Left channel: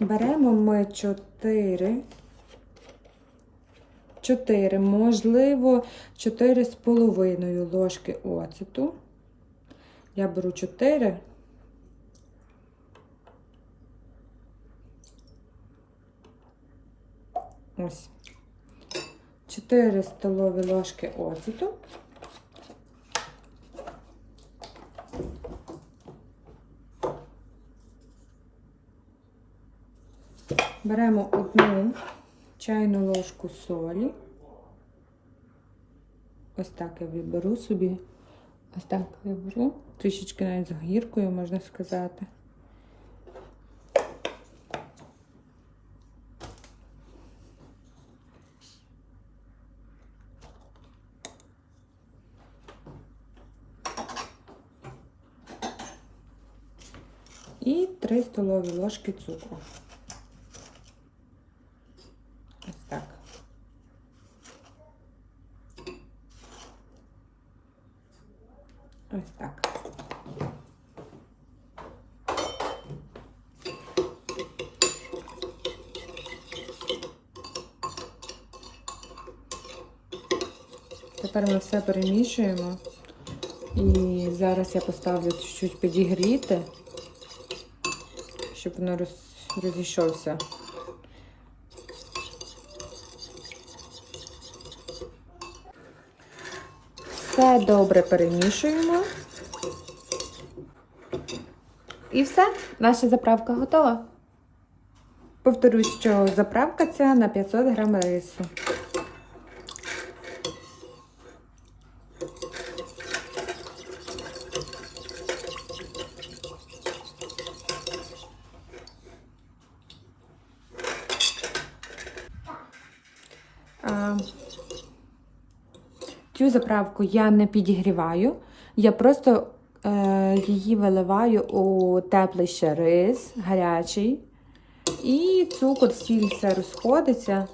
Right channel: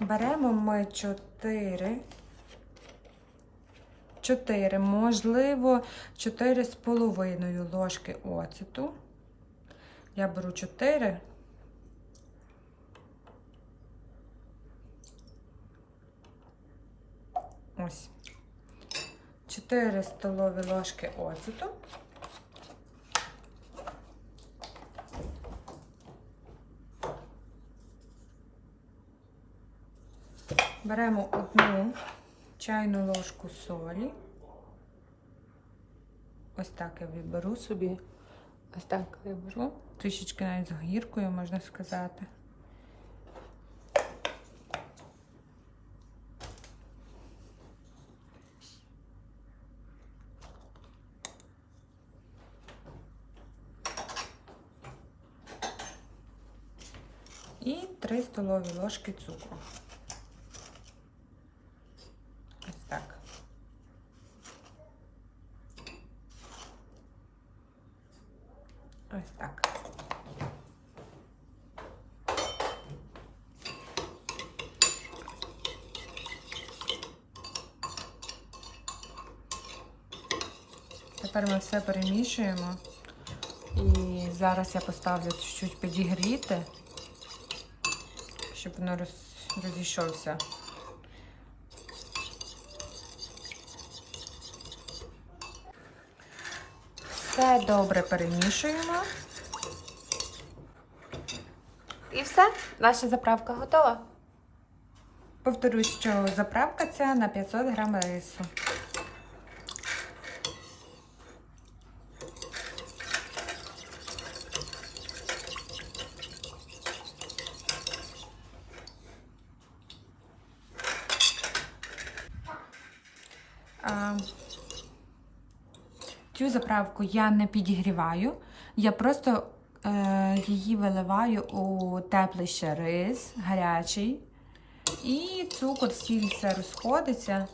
Беремо ми 4. 4, можливо, 4,5 ложки оцету. Я беру 4. Ось. 4 столові ложки оцету. Беремо одну чайну ложку солі. Ось так я виберу собі. Ось так я беру. Трішечки навіть з гіркою, можна сказати. І 3 столові ложки цукру. Ось так. Ось так. Тепер ми все перемішуємо. І зараз я поставлю чуть підігріти, щоб воно розійшовся. Все добре перемішуємо. І все, наша заправка готова. Повторюсь, що заправка ця на 500 грам рису. А, Цю заправку я не підігріваю, я просто е, її виливаю у теплий ще рис, гарячий. І цукор, сіль розходиться.